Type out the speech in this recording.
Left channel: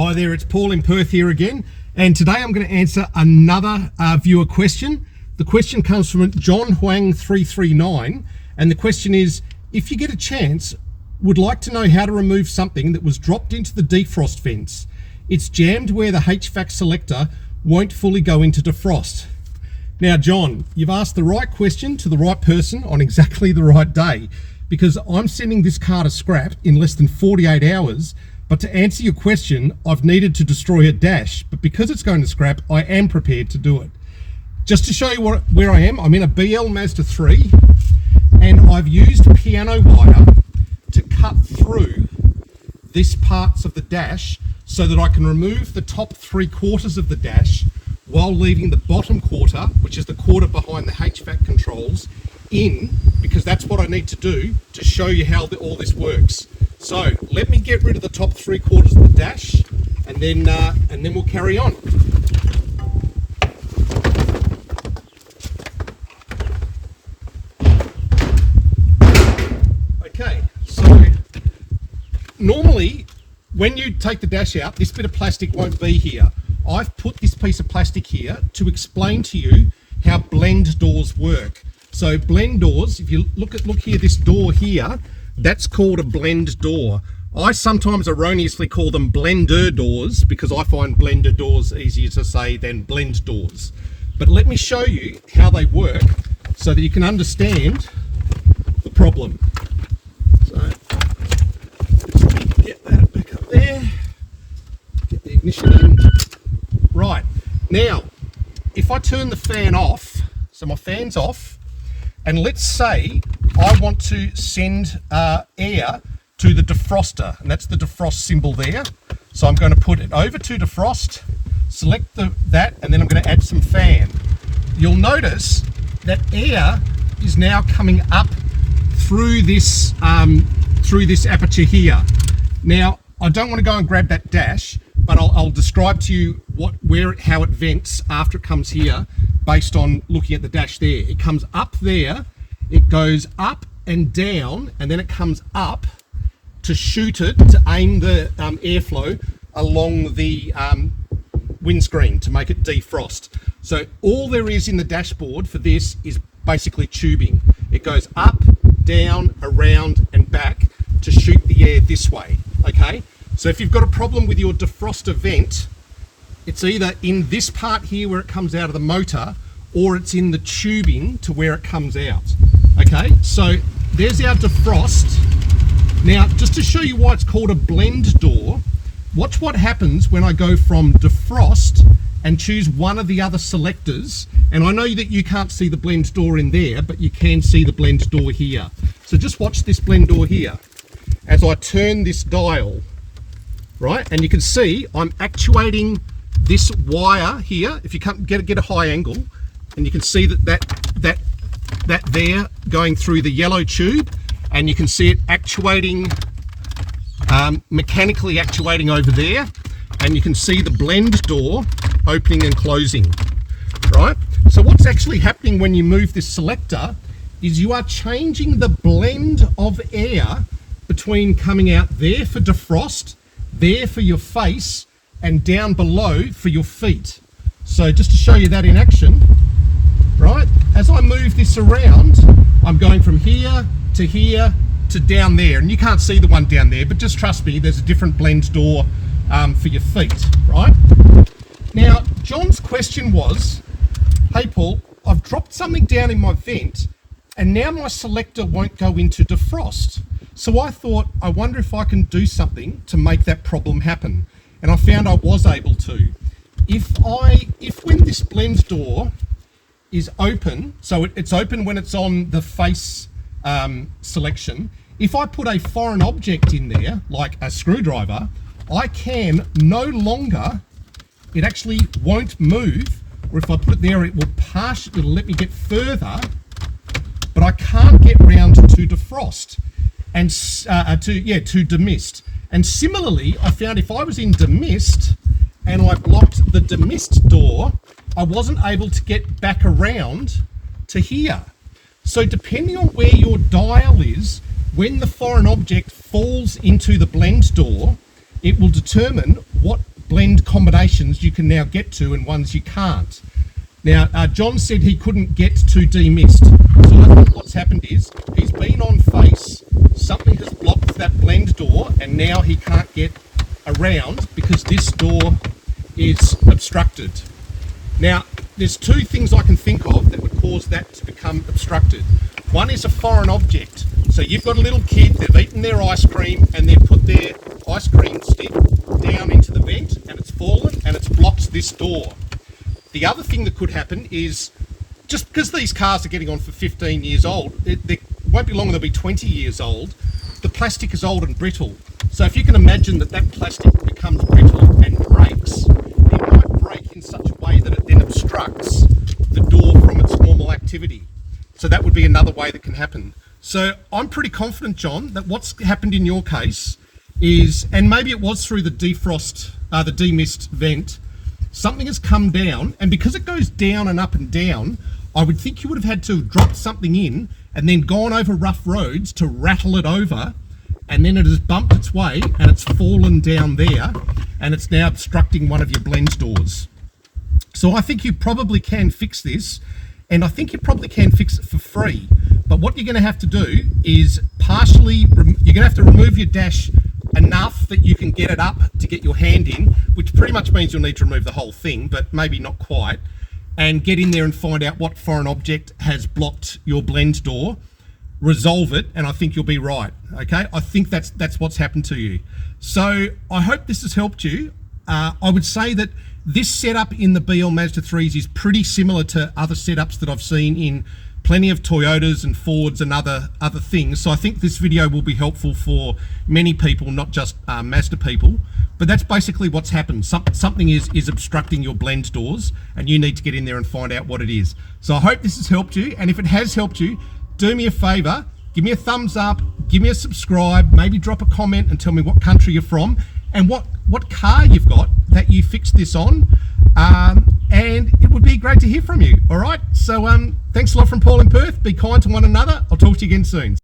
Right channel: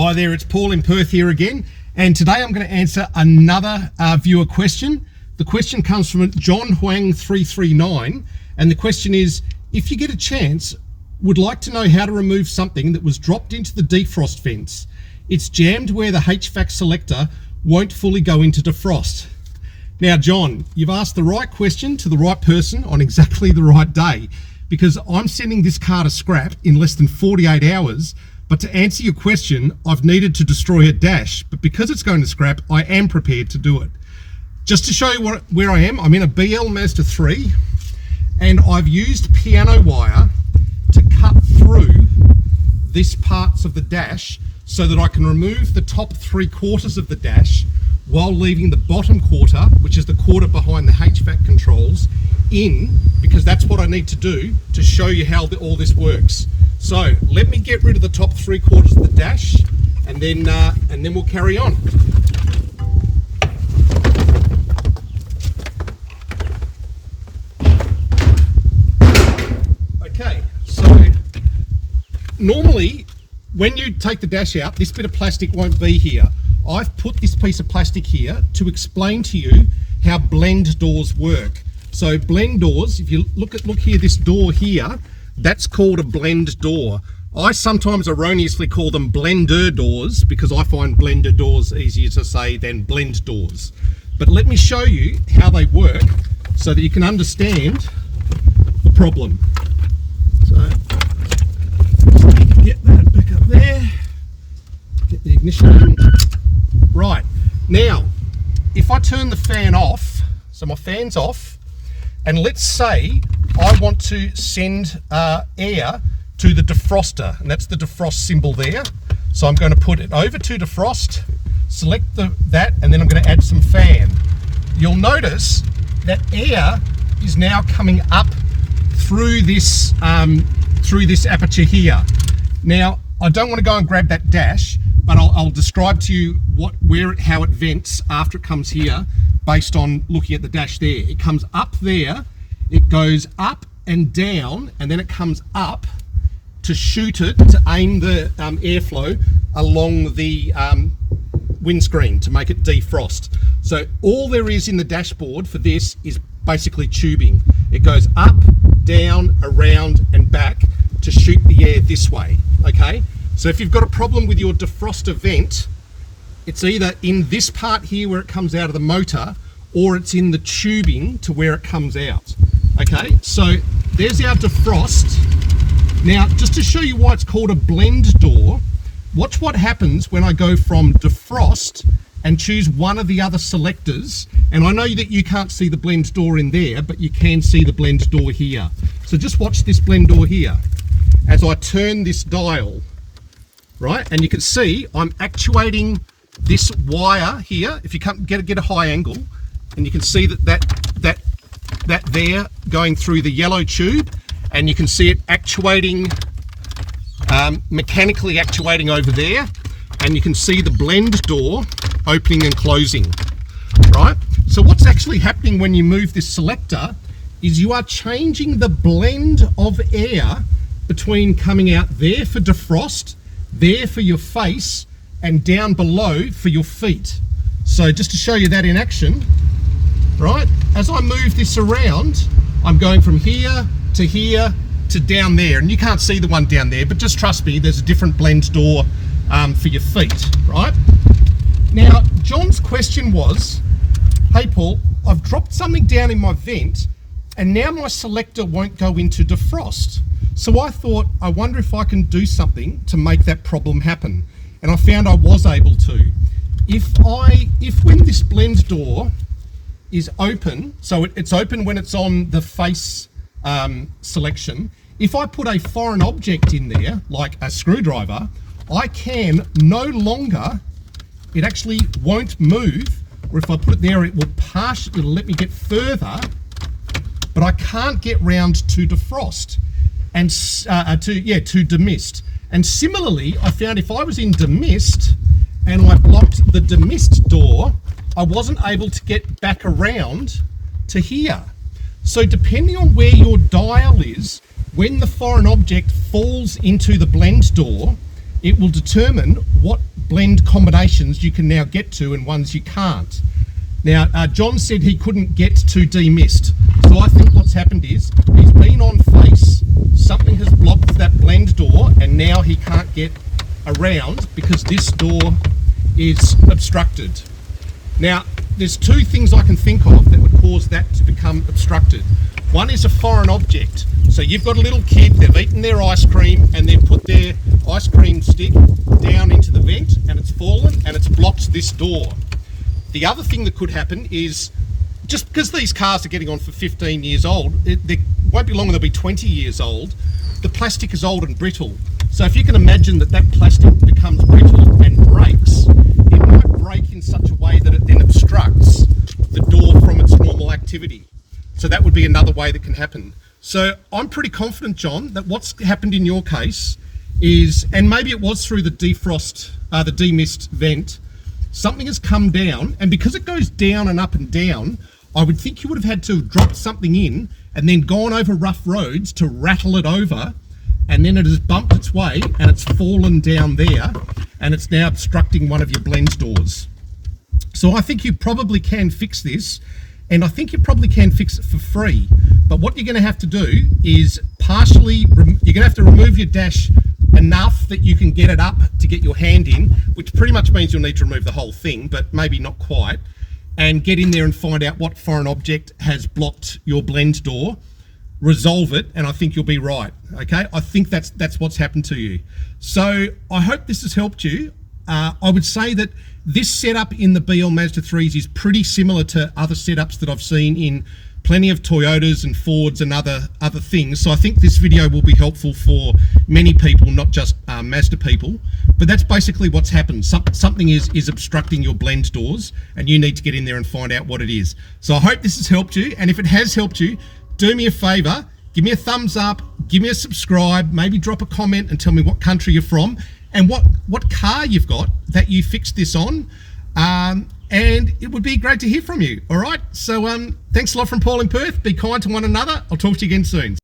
Hi there, it's Paul in Perth here again, and today I'm going to answer another viewer question. The question comes from John Huang 339, and the question is, if you get a chance, would like to know how to remove something that was dropped into the defrost vents. It's jammed where the HVAC selector won't fully go into defrost. Now John, you've asked the right question to the right person on exactly the right day, because I'm sending this car to scrap in less than 48 hours. But to answer your question, I've needed to destroy a dash, but because it's going to scrap, I am prepared to do it. Just to show you where I am, I'm in a BL Mazda 3, and I've used piano wire to cut through this parts of the dash so that I can remove the top 3/4 of the dash while leaving the bottom quarter, which is the quarter behind the HVAC controls, in, because that's what I need to do to show you how all this works. So let me get rid of the top 3/4 of the dash, and then we'll carry on. Okay, so normally when you take the dash out, this bit of plastic won't be here. I've put this piece of plastic here to explain to you how blend doors work. So blend doors, if you look here, this door here, that's called a blend door. I sometimes erroneously call them blender doors because I find blender doors easier to say than blend doors. But let me show you how they work so that you can understand the problem. So get that back up there, get the ignition in. Right, now if I turn the fan off, so my fan's off, and let's say I want to send air to the defroster, and that's the defrost symbol there. So I'm going to put it over to defrost, select that, and then I'm going to add some fan. You'll notice that air is now coming up through this aperture here. Now I don't want to go and grab that dash, but I'll describe to you how it vents after it comes here, based on looking at the dash there. It comes up there, it goes up and down, and then it comes up to shoot it, to aim the airflow along the windscreen to make it defrost. So all there is in the dashboard for this is basically tubing. It goes up, down, around and back to shoot the air this way, okay? So if you've got a problem with your defroster vent, it's either in this part here where it comes out of the motor, or it's in the tubing to where it comes out. Okay, so there's our defrost. Now, just to show you why it's called a blend door, watch what happens when I go from defrost and choose one of the other selectors. And I know that you can't see the blend door in there, but you can see the blend door here. So just watch this blend door here as I turn this dial, right? And you can see I'm actuating this wire here. If you can't get a high angle, and you can see that there going through the yellow tube, and you can see it actuating, mechanically actuating over there, and you can see the blend door opening and closing, right? So what's actually happening when you move this selector is you are changing the blend of air between coming out there for defrost, there for your face, and down below for your feet. So just to show you that in action, right, as I move this around, I'm going from here to down there, and you can't see the one down there, but just trust me, there's a different blend door for your feet, right? Now, John's question was, hey Paul, I've dropped something down in my vent, and now my selector won't go into defrost. So I thought, I wonder if I can do something to make that problem happen. And I found I was able to. If when this blend door is open, so it's open when it's on the face selection, if I put a foreign object in there, like a screwdriver, I can no longer, it actually won't move, or if I put it there, it'll let me get further, but I can't get round to defrost and to demist. And similarly, I found if I was in demist and I blocked the demist door, I wasn't able to get back around to here. So depending on where your dial is, when the foreign object falls into the blend door, it will determine what blend combinations you can now get to and ones you can't. Now, John said he couldn't get to demist. So I think what's happened is he's been on face, something has blocked that blend door, and now he can't get around because this door is obstructed. Now, there's two things I can think of that would cause that to become obstructed. One is a foreign object. So you've got a little kid, they've eaten their ice cream and they've put their ice cream stick down into the vent and it's fallen and it's blocked this door. The other thing that could happen is, just because these cars are getting on for 15 years old, they won't be long, they'll be 20 years old, the plastic is old and brittle. So if you can imagine that plastic becomes brittle and breaks, it might break in such a way that it then obstructs the door from its normal activity. So that would be another way that can happen. So I'm pretty confident, John, that what's happened in your case is, and maybe it was through the defrost, the demist vent, something has come down, and because it goes down and up and down, I would think you would have had to have dropped something in and then gone over rough roads to rattle it over, and then it has bumped its way and it's fallen down there and it's now obstructing one of your blend doors. So I think you probably can fix this, and I think you probably can fix it for free. But what you're going to have to do is you're going to have to remove your dash enough that you can get it up to get your hand in, which pretty much means you'll need to remove the whole thing, but maybe not quite, and get in there and find out what foreign object has blocked your blend door, resolve it, and I think you'll be right. Okay, I think that's what's happened to you. So I hope this has helped you. I would say that this setup in the BL Mazda 3s is pretty similar to other setups that I've seen in plenty of Toyotas and Fords and other things. So I think this video will be helpful for many people, not just Mazda people. But that's basically what's happened. Something is obstructing your blend doors, and you need to get in there and find out what it is. So I hope this has helped you, and if it has helped you, do me a favor, give me a thumbs up, give me a subscribe, maybe drop a comment and tell me what country you're from and what car you've got that you fixed this on. And it would be great to hear from you. All right, so thanks a lot from Paul in Perth. Be kind to one another. I'll talk to you again soon.